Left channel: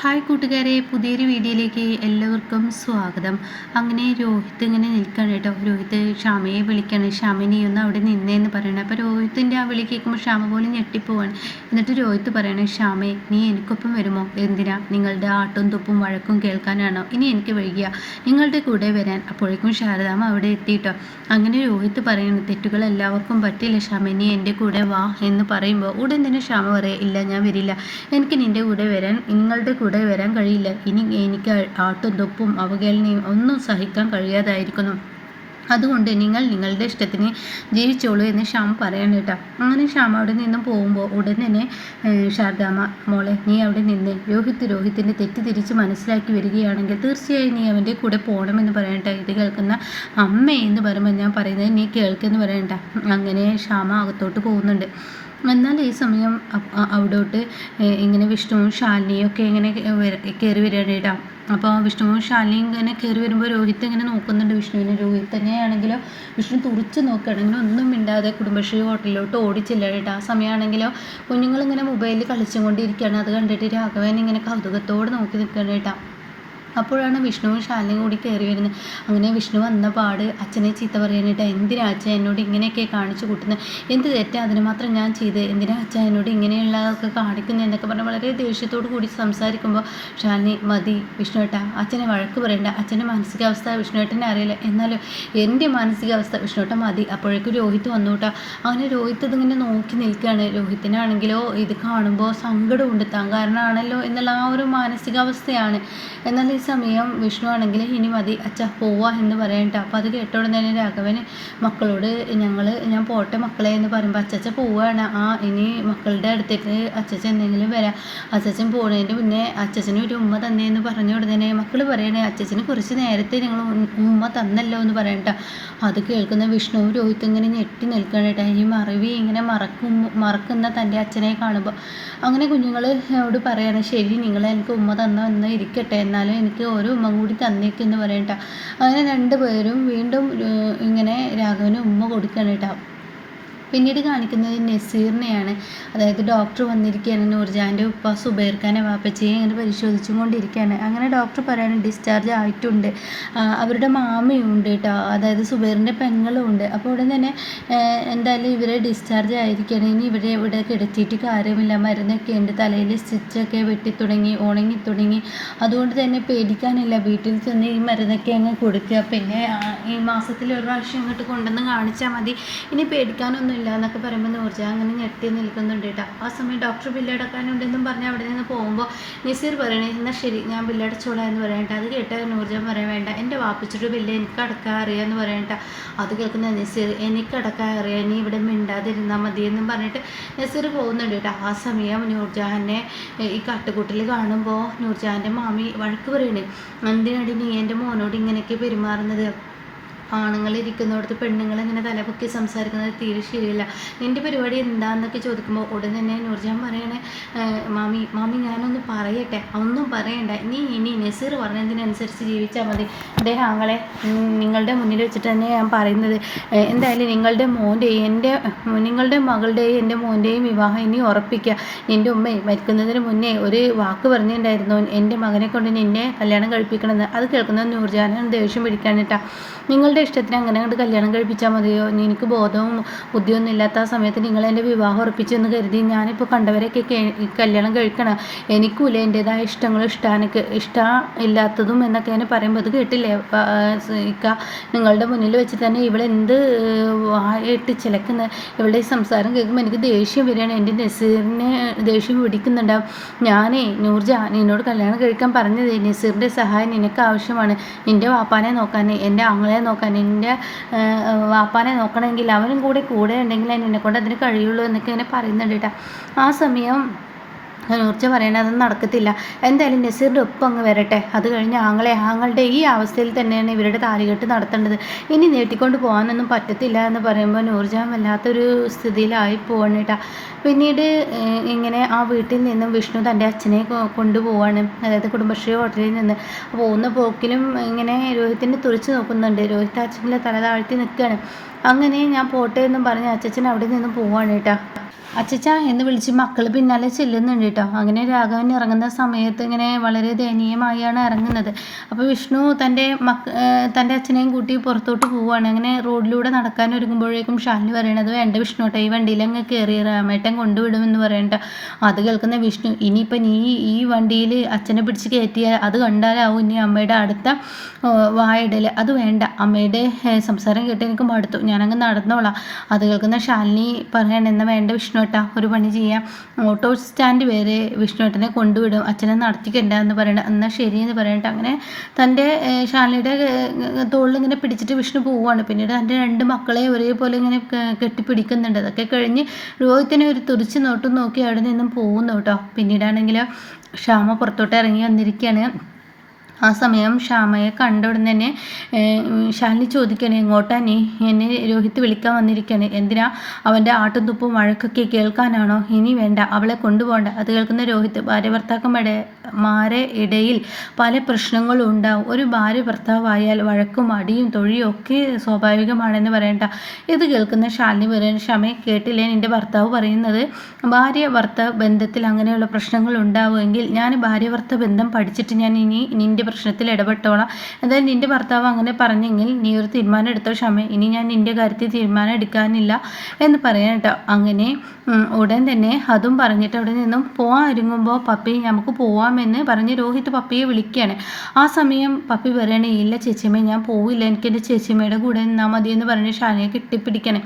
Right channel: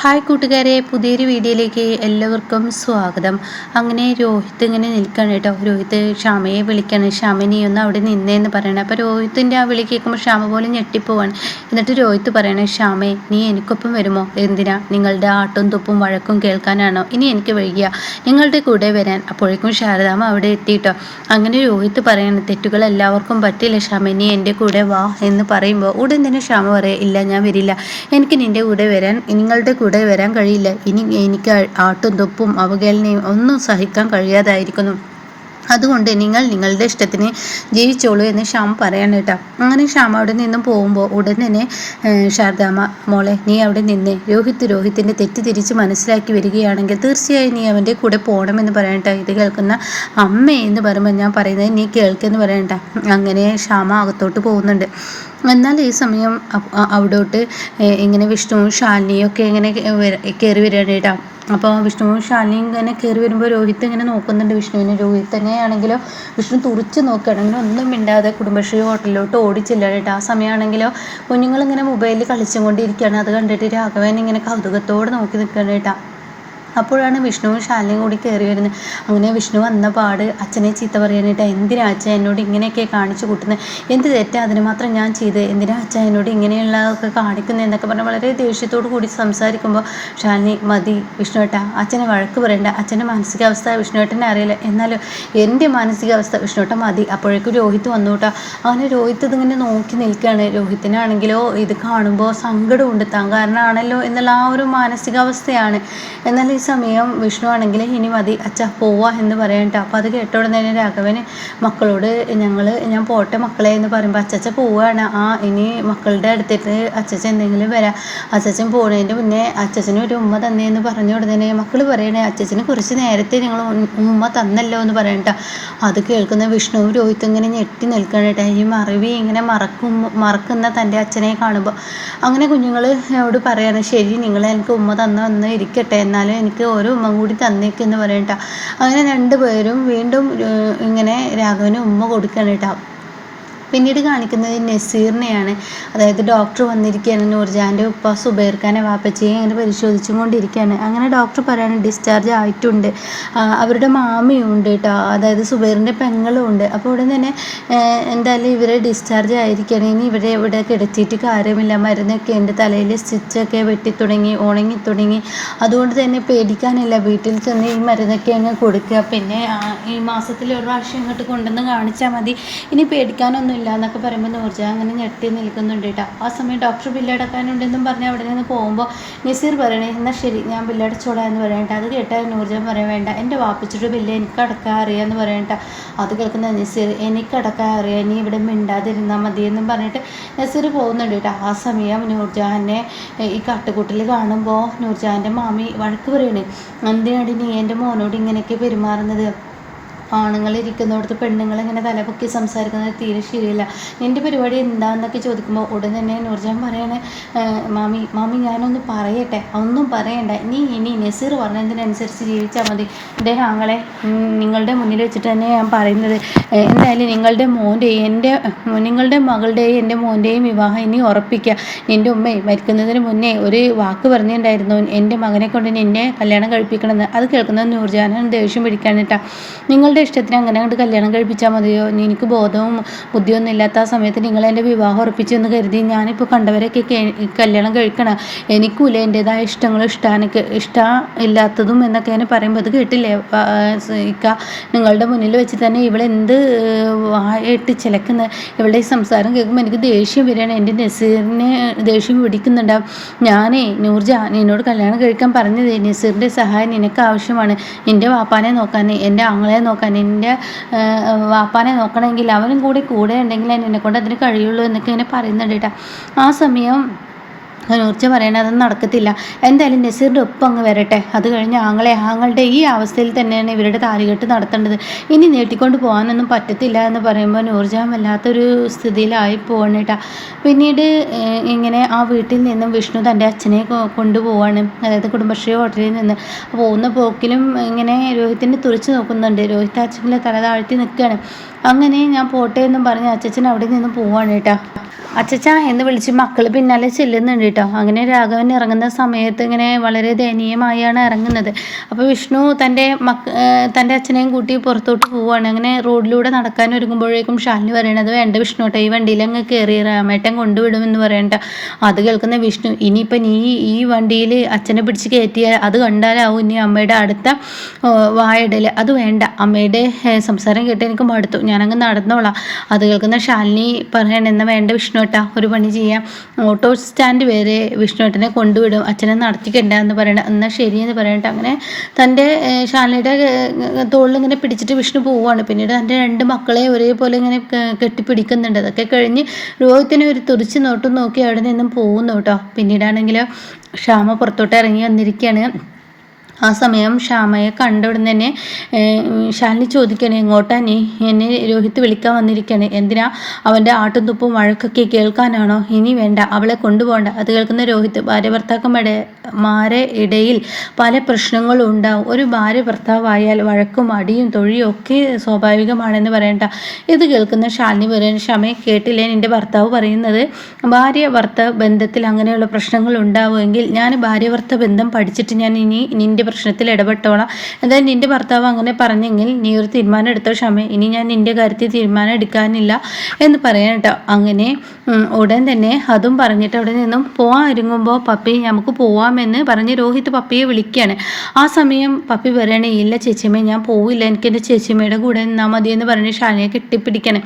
Hi കൂട്ടുകാരെ പുതിയൊരു വീഡിയോയിലേക്ക് എല്ലാവർക്കും സ്വാഗതം. അങ്ങനെ രോഹിത് ഇങ്ങനെ നിൽക്കുകയാണ് കേട്ടോ. രോഹിത് ക്ഷാമയെ വിളിക്കണം ക്ഷാമ നീ ഒന്ന് അവിടെ നിന്നേന്ന് പറയണം. അപ്പോൾ രോഹിത്തിന്റെ ആ വിളി കേൾക്കുമ്പോൾ ക്ഷാമ പോലെ ഞെട്ടിപ്പോവാണ്. എന്നിട്ട് രോഹിത് പറയണേ ക്ഷാമേ നീ എനിക്കൊപ്പം വരുമോ? എന്തിനാ? നിങ്ങളുടെ ആട്ടും തുപ്പും വഴക്കും കേൾക്കാനാണോ? ഇനി എനിക്ക് വൈകിയ. നിങ്ങളുടെ കൂടെ വരാൻ. അപ്പോഴേക്കും ശാരദാമ്മ അവിടെ എത്തിയിട്ടോ അങ്ങനെ രോഹിത് പറയണം തെറ്റുകൾ എല്ലാവർക്കും പറ്റില്ല ക്ഷാമ നീ എന്റെ കൂടെ വാ എന്ന് പറയുമ്പോൾ ഉടൻ തന്നെ ക്ഷാമ പറയാം ഇല്ല ഞാൻ വരില്ല. എനിക്ക് നിന്റെ കൂടെ വരാൻ നിങ്ങളുടെ കൂടെ വരാൻ കഴിയില്ല. ഇനി എനിക്ക് ആട്ടും തൊപ്പും അവഹേളനയും ഒന്നും സഹിക്കാൻ കഴിയാതായിരിക്കുന്നു. അതുകൊണ്ട് നിങ്ങൾ നിങ്ങളുടെ ഇഷ്ടത്തിന് ജീവിച്ചോളൂ എന്ന് ശ്യാം പറയാണ് കേട്ടോ. അങ്ങനെ ശ്യാം അവിടെ നിന്നും പോകുമ്പോൾ ഉടൻ തന്നെ ശാരദാമ്മ മോളെ നീ അവിടെ നിന്ന് രോഹിത് രോഹിത്തിന്റെ തെറ്റ് തിരിച്ച് മനസ്സിലാക്കി വരികയാണെങ്കിൽ തീർച്ചയായും നീ അവന്റെ കൂടെ പോകണമെന്ന് പറയണ്ട ഇത് കേൾക്കുന്ന അമ്മ എന്ന് പറയുമ്പോൾ ഞാൻ പറയുന്നത് നീ കേൾക്കെന്ന് പറയണ്ട അങ്ങനെ ശ്യാമ അകത്തോട്ട് പോകുന്നുണ്ട്. എന്നാൽ ഈ സമയം അവിടോട്ട് ഇങ്ങനെ വിഷ്ണുവും ശാലിനിയും ഒക്കെ ഇങ്ങനെ കയറി വരികയാണ് അപ്പോൾ വിഷ്ണുവും ശാലിനിയും ഇങ്ങനെ കയറി വരുമ്പോൾ രോഹിത് ഇങ്ങനെ നോക്കുന്നുണ്ട്. വിഷ്ണുവിനെ രോഹിത് തന്നെയാണെങ്കിലോ വിഷ്ണു തുറച്ച് നോക്കുകയാണെങ്കിലും ഒന്നും മിണ്ടാതെ കുടുംബശ്രീ ഹോട്ടലിലോട്ട് ഓടിച്ചില്ല ആ സമയമാണെങ്കിലോ കുഞ്ഞുങ്ങളിങ്ങനെ മൊബൈലിൽ കളിച്ചും കൊണ്ടിരിക്കുകയാണ്. അത് കണ്ടിട്ട് രാഘവൻ ഇങ്ങനെ കൗതുകത്തോടെ നോക്കി നിൽക്കുകയാണ് അപ്പോഴാണ് വിഷ്ണുവും ശാലിനിയും കൂടി കയറി വരുന്നത്. അങ്ങനെ വിഷ്ണു വന്ന പാട് അച്ഛനെ ചീത്ത പറയാനായിട്ട് എന്തിനാ അച്ഛൻ എന്നോട് ഇങ്ങനെയൊക്കെ കാണിച്ചു കൂട്ടുന്നത് എന്ത് തെറ്റാ? അതിന് മാത്രം ഞാൻ ചെയ്ത്. എന്തിനാ അച്ഛൻ എന്നോട് ഇങ്ങനെയുള്ളതൊക്കെ കാണിക്കുന്നത് എന്നൊക്കെ പറഞ്ഞ് വളരെ ദേഷ്യത്തോടു കൂടി സംസാരിക്കുമ്പോൾ ശാലിനി മതി വിഷ്ണുവേട്ട അച്ഛനെ വഴക്ക് പറയണ്ട. അച്ഛന്റെ മാനസികാവസ്ഥ വിഷ്ണുവേട്ടനെ അറിയില്ല. എന്നാലും എന്റെ മാനസികാവസ്ഥ വിഷ്ണുവേട്ട മതി. അപ്പോഴേക്കും രോഹിത് വന്നുകൂട്ടാ അങ്ങനെ രോഹിത് ഇതിങ്ങനെ നോക്കി നിൽക്കുകയാണ്. രോഹിത്തിനാണെങ്കിലോ ഇത് കാണുമ്പോൾ സങ്കടമുണ്ട്. താൻ കാരണമാണല്ലോ എന്നുള്ള ആ ഒരു മാനസികാവസ്ഥയാണ്. എന്നാൽ ഈ സമയം വിഷ്ണു ആണെങ്കിൽ ഇനി മതി അച്ഛ പോവാ എന്ന് പറയണ്ട അപ്പോൾ അത് കേട്ട ഉടനെ രാഘവന് മക്കളോട് ഞങ്ങൾ ഞാൻ പോട്ടെ മക്കളെ എന്ന് പറയുമ്പോൾ അച്ചച്ച പോവുകയാണ് ആ ഇനി മക്കളുടെ അടുത്തേക്ക് അച്ചച്ച എന്തെങ്കിലും വരാം. അച്ചച്ചൻ പോകുന്നതിന്റെ മുന്നേ അച്ചച്ചന് ഒരു ഉമ്മ തന്നേന്ന് പറഞ്ഞു ഉടനെ മക്കൾ പറയണേ അച്ചച്ചന് കുറച്ച് നേരത്തെ നിങ്ങൾ ഉമ്മ തന്നല്ലോ എന്ന് പറയണ്ട അത് കേൾക്കുന്ന വിഷ്ണു രോഹിത്തും ഇങ്ങനെ ഞെട്ടി നിൽക്കണേട്ടാ ഈ മറവി ഇങ്ങനെ മറക്കും മറക്കുന്ന തന്റെ അച്ഛനെ കാണുമ്പോൾ അങ്ങനെ കുഞ്ഞുങ്ങൾ അവിടെ പറയാണ് ശരി നിങ്ങൾ എനിക്ക് ഉമ്മ തന്നു എന്ന് ഇരിക്കട്ടെ. എന്നാലും എനിക്ക് എനിക്ക് ഒരു ഉമ്മ കൂടി തന്നേക്കെന്ന് പറയണ്ട അങ്ങനെ രണ്ടുപേരും വീണ്ടും ഇങ്ങനെ രാഘവന് ഉമ്മ കൊടുക്കണം കേട്ടോ. പിന്നീട് കാണിക്കുന്നത് നസീറിനെയാണ്. അതായത് ഡോക്ടർ വന്നിരിക്കുകയാണ്. നൂർജാന്റെ ഉപ്പ സുബൈർഖാനെ വാപ്പച്ചയെ അങ്ങനെ പരിശോധിച്ചും കൊണ്ടിരിക്കുകയാണ്. അങ്ങനെ ഡോക്ടർ പറയാണ് ഡിസ്ചാർജ് ആയിട്ടുണ്ട്. അവരുടെ മാമിയുണ്ട് കേട്ടോ. അതായത് സുബൈറിന്റെ പെങ്ങളും ഉണ്ട്. അപ്പോൾ ഉടൻ തന്നെ എന്തായാലും ഇവരെ ഡിസ്ചാർജ് ആയിരിക്കുകയാണ്. ഇനി ഇവരെ ഇവിടെ കിടത്തിയിട്ട് കാര്യമില്ല. മരുന്നൊക്കെ എന്റെ തലയിൽ സ്റ്റിച്ചൊക്കെ വെട്ടിത്തുടങ്ങി ഉണങ്ങി തുടങ്ങി. അതുകൊണ്ട് തന്നെ പേടിക്കാനില്ല. വീട്ടിൽ ചെന്ന് ഈ മരുന്നൊക്കെ അങ്ങ് കൊടുക്കുക. പിന്നെ ഈ മാസത്തിൽ ഒരു പ്രാവശ്യം ഇങ്ങോട്ട് കൊണ്ടുവന്ന് കാണിച്ചാൽ മതി. ഇനി പേടിക്കാനൊന്നും ഇല്ല എന്നൊക്കെ പറയുമ്പോൾ നൂർജ അങ്ങനെ ഞെട്ടി നിൽക്കുന്നുണ്ട് കേട്ടോ ആ സമയം ഡോക്ടർ ബില്ലടക്കാനുണ്ടെന്നും പറഞ്ഞ് അവിടെ നിന്ന് പോകുമ്പോൾ നസീർ പറയണേ എന്നാൽ ശരി ഞാൻ ബില്ലടച്ചോളാം എന്ന് പറയണ്ട അത് കേട്ടാൽ നൂർജ പറയാൻ വേണ്ട എന്റെ വാപ്പിച്ചിട്ട് ബില്ല് എനിക്ക് അടക്കാൻ അറിയാമെന്ന് പറയണ്ട അത് കേൾക്കുന്ന നസീർ എനിക്ക് അടക്കാൻ അറിയാം നീ ഇവിടെ മിണ്ടാതിരുന്നാൽ മതി എന്നും പറഞ്ഞിട്ട് നസീർ പോകുന്നുണ്ട് കേട്ടോ ആ സമയം നൂർജഹാനെ ഈ കാട്ടുകൂട്ടിൽ കാണുമ്പോൾ നൂർജഹാന്റെ മാമി വഴക്ക് പറയണേ എന്തിനാടി നീ എന്റെ മോനോട് ഇങ്ങനെയൊക്കെ പെരുമാറുന്നത്? ആണുങ്ങൾ ഇരിക്കുന്നിടത്ത് പെണ്ണുങ്ങൾ ഇങ്ങനെ തലപൊക്കി സംസാരിക്കുന്നത് തീരെ ശരിയല്ല. നിന്റെ പരിപാടി എന്താണെന്നൊക്കെ ചോദിക്കുമ്പോൾ ഉടൻ തന്നെ നൂർജാൻ പറയണേ മാമി മാമി ഞാനൊന്ന് പറയട്ടെ ഒന്നും പറയണ്ട. നീ ഇനി നസീർ പറഞ്ഞതിനനുസരിച്ച് ജീവിച്ചാൽ മതി. അദ്ദേഹം ആങ്ങളെ നിങ്ങളുടെ മുന്നിൽ വെച്ചിട്ട് തന്നെ ഞാൻ പറയുന്നത്. എന്തായാലും നിങ്ങളുടെ മോന്റെയും എന്റെ നിങ്ങളുടെ മകളുടെയും എന്റെ മോന്റെയും വിവാഹം ഇനി ഉറപ്പിക്കുക നിന്റെ ഉമ്മ മരിക്കുന്നതിന് മുന്നേ ഒരു വാക്ക് പറഞ്ഞിട്ടുണ്ടായിരുന്നു എന്റെ മകനെ കൊണ്ട് നിന്നെ കല്യാണം കഴിപ്പിക്കണമെന്ന്. അത് കേൾക്കുന്നത് നൂർജാനാണ് ദേഷ്യം പിടിക്കാനിട്ടാ. നിങ്ങളുടെ ഇഷ്ടത്തിന് അങ്ങനെ അങ്ങോട്ട് കല്യാണം കഴിപ്പിച്ചാൽ മതിയോ? എനിക്ക് ബോധവും ബുദ്ധിയൊന്നും ഇല്ലാത്ത ആ സമയത്ത് നിങ്ങൾ എന്റെ വിവാഹം ഉറപ്പിച്ചു എന്ന് കരുതി ഞാനിപ്പോൾ കണ്ടവരൊക്കെ കല്യാണം കഴിക്കണം എനിക്കൂല എന്റെതായ ഇഷ്ടങ്ങളും ഇഷ്ടാനൊക്കെ ഇഷ്ടം ഇല്ലാത്തതും എന്നൊക്കെ ഞാൻ പറയുമ്പോൾ അത് കേട്ടില്ലേ? ഇക്ക നിങ്ങളുടെ മുന്നിൽ വെച്ച് തന്നെ ഇവളെന്ത് ആയിട്ട് ചിലക്കുന്ന? ഇവളുടെ സംസാരം കേൾക്കുമ്പോൾ എനിക്ക് ദേഷ്യം വരികയാണ്. എന്റെ നസീറിനെ ദേഷ്യം പിടിക്കുന്നുണ്ടാവും ഞാനേ നൂർജ നിന്നോട് കല്യാണം കഴിക്കാൻ പറഞ്ഞത് നസീറിന്റെ സഹായം നിനക്ക് ആവശ്യമാണ്. എന്റെ വാപ്പാനെ നോക്കാൻ എന്റെ ആങ്ങളെ നോക്കാൻ നിന്റെ വാപ്പാനെ നോക്കണമെങ്കിൽ അവനും കൂടെ കൂടെ ഉണ്ടെങ്കിൽ നിന്നെ കൊണ്ട് അതിന് കഴിയുള്ളൂ എന്നൊക്കെ ഇങ്ങനെ പറയുന്നുണ്ട് കേട്ടോ. ആ സമയം നൂർച്ച പറയണത് അതൊന്നും നടക്കത്തില്ല. എന്തായാലും നസീറിന്റെ ഒപ്പം അങ്ങ് വരട്ടെ. അത് കഴിഞ്ഞ് ആങ്ങളെ ആങ്ങളുടെ ഈ അവസ്ഥയിൽ തന്നെയാണ് ഇവരുടെ താലികെട്ട് നടത്തേണ്ടത്. ഇനി നീട്ടിക്കൊണ്ട് പോകാനൊന്നും പറ്റത്തില്ല എന്ന് പറയുമ്പോൾ നൂർജാൻ വല്ലാത്തൊരു സ്ഥിതിയിലായി പോകണേട്ടാ പിന്നീട് ഇങ്ങനെ ആ വീട്ടിൽ നിന്നും വിഷ്ണു തന്റെ അച്ഛനെ കൊണ്ടുപോവാണ്. അതായത് കുടുംബശ്രീ ഹോട്ടലിൽ നിന്ന്. പോകുന്ന പോക്കിലും ഇങ്ങനെ രോഹിത്തിനെ തുറച്ച് നോക്കുന്നുണ്ട്. രോഹിത്ത് അച്ഛനെ തല താഴ്ത്തി നിൽക്കുകയാണ്. അങ്ങനെ ഞാൻ പോട്ടെ എന്നും പറഞ്ഞ് അച്ഛൻ അവിടെ നിന്ന് പോവാണ് കേട്ടോ. അച്ചച്ച എന്ന് വിളിച്ച് മക്കൾ പിന്നാലെ ചെല്ലുന്നുണ്ട് കേട്ടോ അങ്ങനെ രാഘവൻ ഇറങ്ങുന്ന സമയത്ത് ഇങ്ങനെ വളരെ ദയനീയമായാണ് ഇറങ്ങുന്നത്. അപ്പോൾ വിഷ്ണു തന്റെ മക്ക തന്റെ അച്ഛനെയും കൂട്ടി പുറത്തോട്ട് പോവുകയാണ്. അങ്ങനെ റോഡിലൂടെ നടക്കാൻ ഒരുങ്ങുമ്പോഴേക്കും ഷാലിനി പറയണത് വേണ്ട വിഷ്ണുട്ടെ ഈ വണ്ടിയിൽ അങ്ങ് കയറി രാമേട്ടൻ കൊണ്ടുവിടുമെന്ന് പറയണ്ട അത് കേൾക്കുന്ന വിഷ്ണു ഇനിയിപ്പോൾ നീ ഈ വണ്ടിയിൽ അച്ഛനെ പിടിച്ച് കയറ്റിയാൽ അത് കണ്ടാലാവും ഇനി അമ്മയുടെ അടുത്ത വായിടൽ അത് വേണ്ട അമ്മയുടെ സംസാരം കേട്ട് എനിക്ക് മടുത്തു. ഞാനങ്ങ് നടന്നോളാം. അത് കേൾക്കുന്ന ഷാലിനി പറയണെന്ന് വേണ്ട വിഷ്ണു വിഷ്ണുവേട്ട ഒരു പണി ചെയ്യാം. ഓട്ടോ സ്റ്റാൻഡ് വരെ വിഷ്ണുവേട്ടനെ കൊണ്ടുവിടും. അച്ഛനെ നടത്തിക്കണ്ട എന്ന് പറയണ എന്നാൽ ശരി എന്ന് പറയണ്ട. അങ്ങനെ തന്റെ ഷാലിയുടെ തോളിൽ ഇങ്ങനെ പിടിച്ചിട്ട് വിഷ്ണു പോവുകയാണ്. പിന്നീട് തന്റെ രണ്ട് മക്കളെ ഒരേപോലെ ഇങ്ങനെ കെട്ടിപ്പിടിക്കുന്നുണ്ട്. അതൊക്കെ കഴിഞ്ഞ് രോഹിത്തിനെ ഒരു തുറിച്ച് നോട്ടും നോക്കി അവിടെ നിന്നും പോകുന്നു കേട്ടോ. പിന്നീടാണെങ്കിൽ ക്ഷാമ പുറത്തോട്ട് ഇറങ്ങി വന്നിരിക്കുകയാണ്. ആ സമയം ശ്യാമയെ കണ്ട തന്നെ ശാലിനി ചോദിക്കണേ എങ്ങോട്ടാ നീ? എന്നെ രോഹിത് വിളിക്കാൻ വന്നിരിക്കണേ. എന്തിനാ അവന്റെ ആട്ടും തുപ്പും വഴക്കൊക്കെ കേൾക്കാനാണോ? ഇനി വേണ്ട അവളെ കൊണ്ടുപോകണ്ട. അത് കേൾക്കുന്ന രോഹിത് ഭാര്യ ഭർത്താക്കന്മാരുടെ മാരെ ഇടയിൽ പല പ്രശ്നങ്ങളും ഉണ്ടാവും. ഒരു ഭാര്യ ഭർത്താവായാൽ വഴക്കും അടിയും തൊഴിയും ഒക്കെ സ്വാഭാവികമാണെന്ന് പറയണ്ട. ഇത് കേൾക്കുന്ന ശാലിനി പറയുന്ന ക്ഷമയെ കേട്ടില്ലേ എന്റെ ഭർത്താവ് പറയുന്നത്? ഭാര്യ ഭർത്താവ് ബന്ധത്തിൽ അങ്ങനെയുള്ള പ്രശ്നങ്ങൾ ഉണ്ടാവുമെങ്കിൽ ഞാൻ ഭാര്യ ഭർത്താവ് ബന്ധം പഠിച്ചിട്ട് ഞാൻ ഇനി നിന്റെ പ്രശ്നത്തിൽ ഇടപെട്ടോളാം. എന്തായാലും നിന്റെ ഭർത്താവ് അങ്ങനെ പറഞ്ഞെങ്കിൽ നീ ഒരു തീരുമാനം എടുത്തോ ക്ഷമ ഇനി ഞാൻ നിന്റെ കാര്യത്തിൽ തീരുമാനം എടുക്കാനില്ല എന്ന് പറയാൻ കേട്ടോ. അങ്ങനെ ഉടൻ തന്നെ അതും പറഞ്ഞിട്ട് അവിടെ നിന്നും പോകാൻ ഒരുങ്ങുമ്പോൾ പപ്പി നമുക്ക് പോവാമെന്ന് പറഞ്ഞ് രോഹിത് പപ്പിയെ വിളിക്കുകയാണ്. ആ സമയം പപ്പി പറയണേ ഇല്ല ചേച്ചിയമ്മ ഞാൻ പോവില്ല. എനിക്ക് എന്റെ ചേച്ചിയമ്മയുടെ കൂടെ നിന്നാൽ മതി എന്ന് പറഞ്ഞ് ഷാനയെ കെട്ടിപ്പിടിക്കണേ.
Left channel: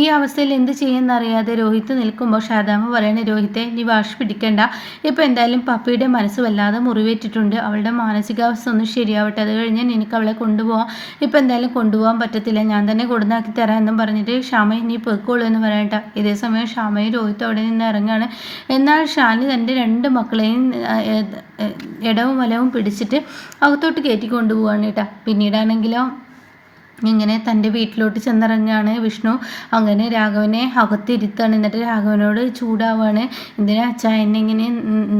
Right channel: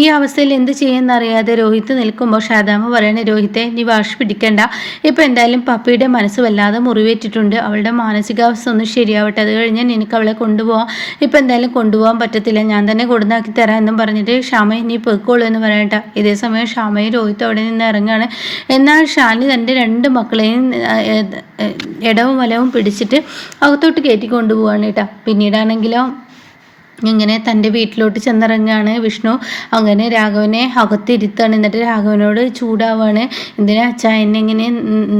ഈ അവസ്ഥയിൽ എന്ത് ചെയ്യുമെന്നറിയാതെ രോഹിത് നിൽക്കുമ്പോൾ ഷാദാമ പറയണേ രോഹിത്തെ നീ വാഷ് പിടിക്കണ്ട. ഇപ്പം എന്തായാലും പപ്പിയുടെ മനസ്സ് വല്ലാതെ മുറിവേറ്റിട്ടുണ്ട്. അവളുടെ മാനസിക അവസ്ഥ ഒന്ന് ശരിയാവട്ടെ. അത് കഴിഞ്ഞാൽ എനിക്ക് അവളെ കൊണ്ടുപോകാം ഇപ്പം എന്തായാലും കൊണ്ടുപോകാൻ പറ്റത്തില്ല. ഞാൻ തന്നെ കൊടുന്നാക്കി തരാം എന്നും പറഞ്ഞിട്ട് ക്ഷമ ഇനി പൊയ്ക്കോളൂ എന്ന് പറയട്ടെ ഇതേ സമയം ക്ഷമയും രോഹിത്തും അവിടെ നിന്ന് ഇറങ്ങുകയാണ് എന്നാൽ ഷാനി തന്റെ രണ്ട് മക്കളെയും ഇടവും വലവും പിടിച്ചിട്ട് അകത്തോട്ട് കയറ്റി കൊണ്ടുപോവാണ് കേട്ടോ. പിന്നീടാണെങ്കിലോ ഇങ്ങനെ തന്റെ വീട്ടിലോട്ട് ചെന്നിറങ്ങുകയാണ് വിഷ്ണു. അങ്ങനെ രാഘവനെ അകത്തിരുത്താണ്. എന്നിട്ട് രാഘവനോട് ചൂടാവാണ്. എന്തിനാ അച്ഛാ എന്നെ ഇങ്ങനെ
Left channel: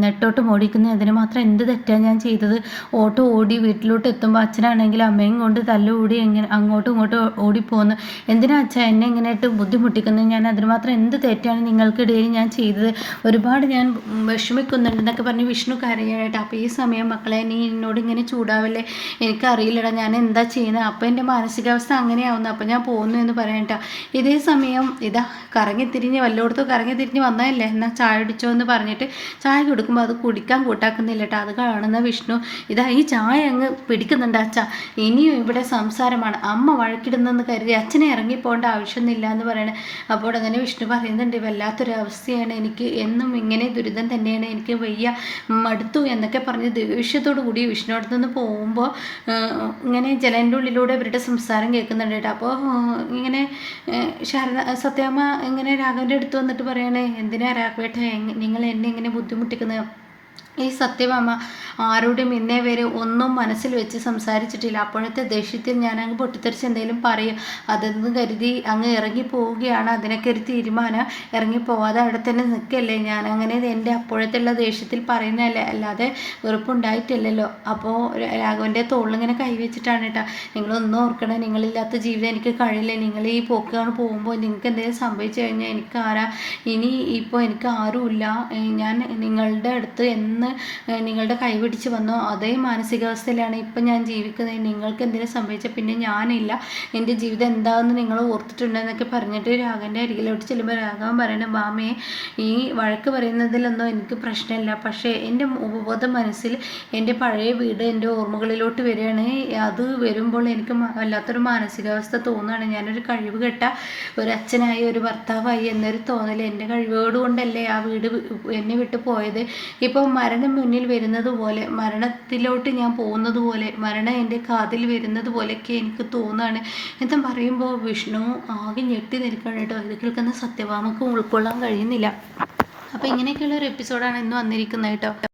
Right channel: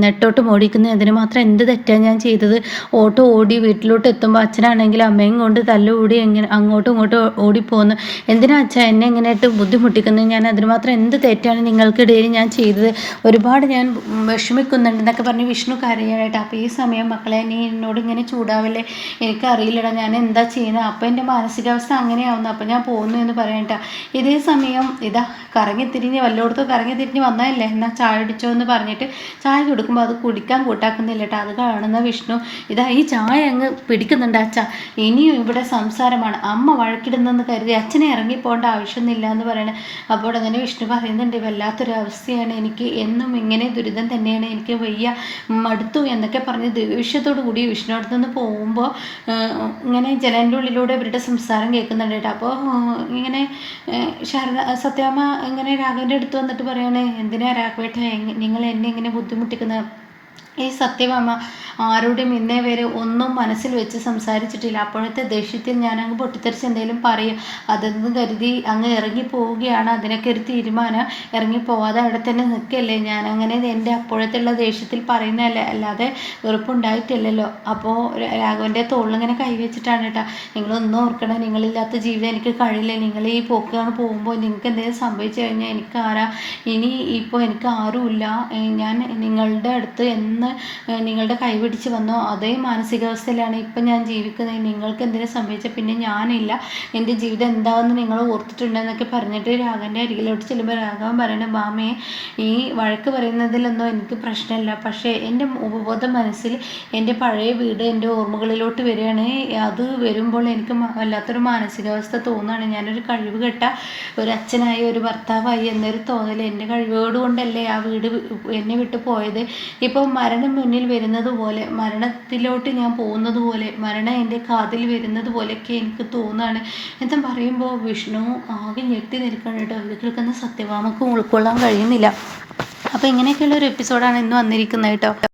നെട്ടോട്ട് മോടിക്കുന്നു അതിന് മാത്രം എന്ത് തെറ്റാണ് ഞാൻ ചെയ്തത്? ഓട്ടോ ഓടി വീട്ടിലോട്ട് എത്തുമ്പോൾ അച്ഛനാണെങ്കിൽ അമ്മയും കൊണ്ട് തല്ലുകൂടി എങ്ങനെ അങ്ങോട്ടും ഇങ്ങോട്ടും ഓടിപ്പോകുന്നു എന്തിനാ അച്ഛാ എന്നെ ഇങ്ങനെയായിട്ട് ബുദ്ധിമുട്ടിക്കുന്നത്? ഞാൻ അതിന് മാത്രം എന്ത് തെറ്റാണ് നിങ്ങൾക്കിടയിൽ ഞാൻ ചെയ്തത്? ഒരുപാട് ഞാൻ വിഷമിക്കുന്നുണ്ട് എന്നൊക്കെ പറഞ്ഞ് വിഷ്ണു കരയാനായിട്ട്. അപ്പോൾ ഈ സമയം മക്കളെ നീ എന്നോട് ഇങ്ങനെ ചൂടാവല്ലേ? എനിക്കറിയില്ലടാ ഞാൻ എന്താ ചെയ്യുന്നത്? അപ്പോൾ എന്റെ മാനസിക മാനസികാവസ്ഥ അങ്ങനെയാവുന്നു. അപ്പം ഞാൻ പോകുന്നു എന്ന് പറയണ്ട ഇതേ സമയം ഇതാ കറങ്ങി തിരിഞ്ഞ് വല്ലോടത്തും കറങ്ങി തിരിഞ്ഞ് വന്നതല്ലേ? എന്നാൽ ചായ അടിച്ചോ എന്ന് പറഞ്ഞിട്ട് ചായ കൊടുക്കുമ്പോൾ അത് കുടിക്കാൻ കൂട്ടാക്കുന്നില്ല കേട്ടോ. അത് കാണുന്ന വിഷ്ണു ഇതാ ഈ ചായ അങ്ങ് പിടിക്കുന്നുണ്ട് അച്ഛ. ഇനിയും ഇവിടെ സംസാരമാണ്. അമ്മ വഴക്കിടുന്നെന്ന് കരുതി അച്ഛനെ ഇറങ്ങി ഇറങ്ങിപ്പോകേണ്ട ആവശ്യമൊന്നുമില്ല എന്ന് പറയണേ. അപ്പോൾ അങ്ങനെ വിഷ്ണു പറയുന്നുണ്ട് വല്ലാത്തൊരു അവസ്ഥയാണ്. എനിക്ക് എന്നും ഇങ്ങനെ ദുരിതം തന്നെയാണ്. എനിക്ക് വയ്യ മടുത്തു എന്നൊക്കെ പറഞ്ഞ് ദേഷ്യത്തോടു കൂടി വിഷ്ണു അടുത്തുനിന്ന് പോകുമ്പോൾ ഇങ്ങനെ ജലന്റെ ഉള്ളിലൂടെ ഇവരുടെ സംസാരം സംസാരം കേൾക്കുന്നുണ്ട് കേട്ടോ. അപ്പോൾ ഇങ്ങനെ ശാരദ സത്യാമ്മ ഇങ്ങനെ രാഘവന്റെ അടുത്ത് വന്നിട്ട് പറയണേ എന്തിനാ രാഘവേട്ട നിങ്ങൾ എന്നെ ഇങ്ങനെ ബുദ്ധിമുട്ടിക്കുന്നത് ഈ സത്യഭാമ ആരോടും ഇന്നേ വരെ ഒന്നും മനസ്സിൽ വെച്ച് സംസാരിച്ചിട്ടില്ല. അപ്പോഴത്തെ ദേഷ്യത്തിൽ ഞാൻ അങ്ങ് പൊട്ടിത്തെറിച്ച് എന്തെങ്കിലും പറയും. അതെന്ന് കരുതി അങ്ങ് ഇറങ്ങി പോവുകയാണ്. അതിനൊക്കെ ഒരു തീരുമാനം. ഇറങ്ങി പോവാതെ അവിടെ തന്നെ നിൽക്കല്ലേ. ഞാൻ അങ്ങനെ എന്റെ അപ്പോഴത്തുള്ള ദേഷ്യത്തിൽ പറയുന്നതല്ലേ. അല്ലാതെ വെറുപ്പുണ്ടായിട്ടില്ലല്ലോ. അപ്പോൾ രാഘവന്റെ തോളിലിങ്ങനെ കൈവച്ചിട്ടാണ് കേട്ടോ. നിങ്ങളൊന്നും ഓർക്കണം നിങ്ങളില്ലാത്ത ജീവിതം എനിക്ക് കഴിയില്ല. നിങ്ങൾ ഈ പോക്കാണ് പോകുമ്പോൾ നിങ്ങൾക്ക് എന്തെങ്കിലും സംഭവിച്ചു കഴിഞ്ഞാൽ എനിക്ക് ആരാ ഇനി ഇപ്പോൾ എനിക്ക് ആരുമില്ല. ഞാൻ നിങ്ങളുടെ അടുത്ത് എന്ന് നിങ്ങളുടെ കൈ കൈപിടിച്ച് വന്നോ? അതേ മാനസികാവസ്ഥയിലാണ് ഇപ്പം ഞാൻ ജീവിക്കുന്നത്. നിങ്ങൾക്ക് എന്തെങ്കിലും സംഭവിച്ചാൽ പിന്നെ ഞാനില്ല. എന്റെ ജീവിതം എന്താണെന്ന് നിങ്ങൾ ഓർത്തിട്ടുണ്ടെന്നൊക്കെ പറഞ്ഞിട്ട് രാഘവന്റെ അരികിലോട്ട് ചെല്ലുമ്പോൾ രാഘവൻ പറയുന്നത് മാമയെ ഈ വഴക്ക് പറയുന്നതിലൊന്നും എനിക്ക് പ്രശ്നമില്ല. പക്ഷേ എന്റെ ഉപബോധ മനസ്സിൽ എന്റെ പഴയ വീട് എന്റെ ഓർമ്മകളിലോട്ട് വരികയാണ്. അത് വരുമ്പോൾ എനിക്ക് വല്ലാത്തൊരു മാനസികാവസ്ഥ തോന്നുകയാണ്. ഞാനൊരു കഴിവ് കെട്ട ഒരു അച്ഛനായി ഒരു ഭർത്താവായി എന്നൊരു തോന്നൽ എന്റെ കഴിവുകൾ കൊണ്ടല്ലേ ആ വീട് എന്നെ വിട്ട് പോയത്? ഇപ്പോൾ മരണം മരണം മുന്നിൽ വരുന്നത് പോലെ മരണത്തിലോട്ട് ഞാൻ പോകുന്നത് പോലെ മരണം എന്റെ കാതിൽ വരുന്നത് പോലെയൊക്കെ എനിക്ക് തോന്നുകയാണ് എന്ന് പറയുമ്പോൾ വിഷ്ണു ആകെ ഞെട്ടി നിൽക്കണം കേട്ടോ. ഇത് കേൾക്കുന്ന സത്യഭാമക്കും ഉൾക്കൊള്ളാൻ കഴിയുന്നില്ല. അപ്പോൾ ഇങ്ങനെയൊക്കെയുള്ള ഒരു എപ്പിസോഡാണ് ഇന്ന് വന്നിരിക്കുന്നത് കേട്ടോ.